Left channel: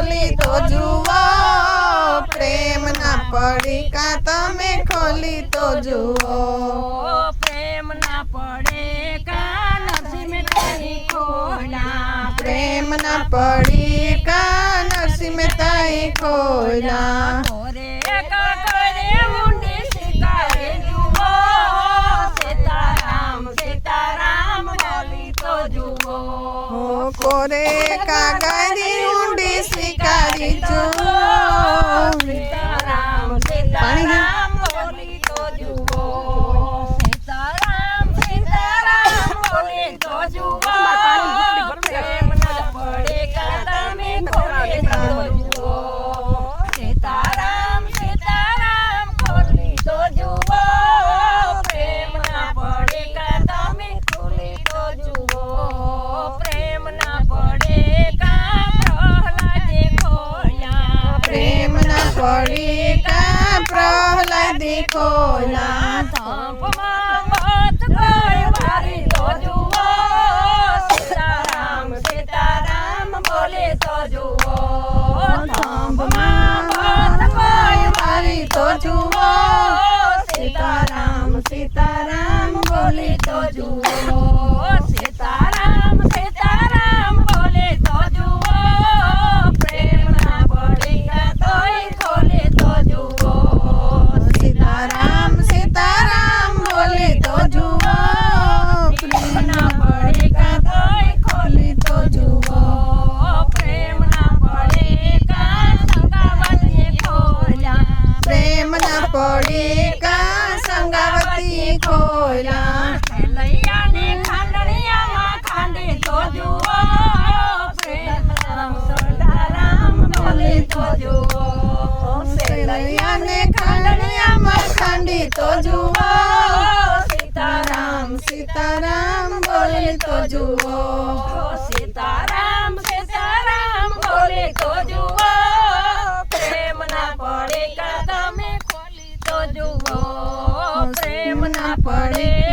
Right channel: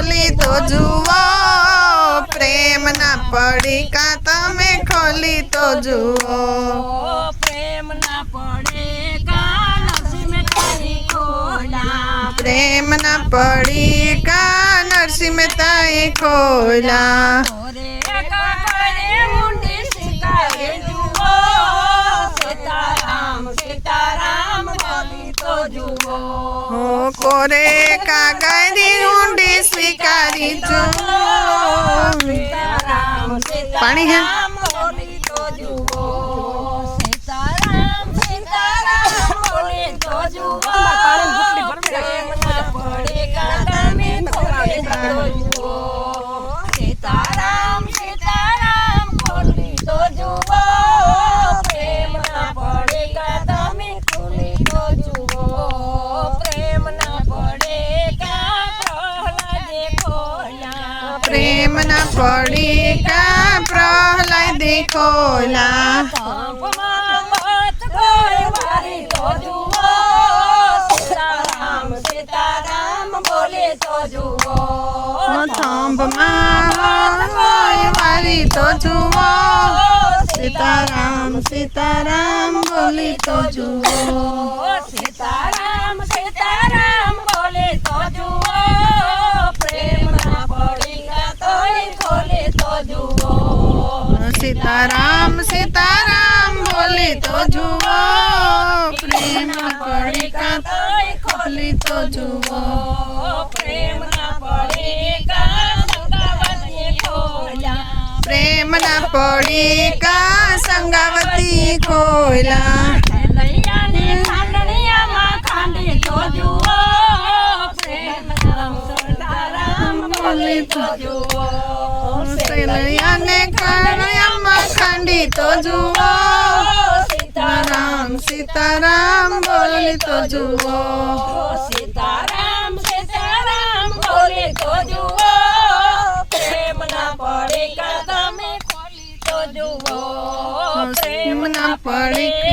ખોલી તો જુઓ પ્રેમના પડીકા તમે ખોલી તો જુઓ પ્રેમના પડીકા નરસિંહ મહેતાએ ખોલ્યા પ્રેમના પડીકા નરસિંહ મહેતાએ ખોલ્યા કોરે ઊંડી શિકારે જુઓ સીતારામ સીતારામ બોલી તો જુઓ કોરે કાગળની ઊંડી સ્વીકારી જુઓ સીતારામ પાણી હે સીતારામ બોલી તો જુઓ સીતારામ સીતારામ બોલી તો જુઓ પ્રેમના પડીકા તમે ખોલી તો જુઓ સીતારામ સીતારામ બોલી તો જુઓ પ્રેમના પડીકા તમે ખોલી તો જુઓ પ્રેમના પડીકા પ્રહલાદે ખોલ્યા પ્રેમના પડીકા પ્રહલાદે ખોલ્યા થંભમાં મત કોઈ વારી તો જુઓ સીતારામ સીતારામ બોલે તો જુઓ થંભમાં કોઈ વારી તો જુઓ સીતારામ સીતારામ બોલી તો જુઓ સીતારામ સીતારામ બોલે તો જુઓ પ્રેમના પડીકા તોય ખોલે તો જુઓ સીતારામ સીતારામ બોલી તો જુઓ પ્રેમના પડીકા તોય ખોલી તો જુઓ પ્રેમના પડીકા સંગાવતીએ ખોલ્યા પ્રેમના પડીકા સંગાવતી ખોલ્યા લૈયાને ખાંડણિયામાં ખાંડે તો જુઓ પ્રેમના સીતારામ બોલે તો જુઓ સેલૈયાને ખાંડિયામાં ખાંડી તો જુઓ સીતારામ સીતારામ બોલી તો જુઓ સીતારામ સીતારામ બોલે તો જુઓ પ્રેમના પડીકા તમે ખોલી તો જુઓ પ્રેમના પડીકા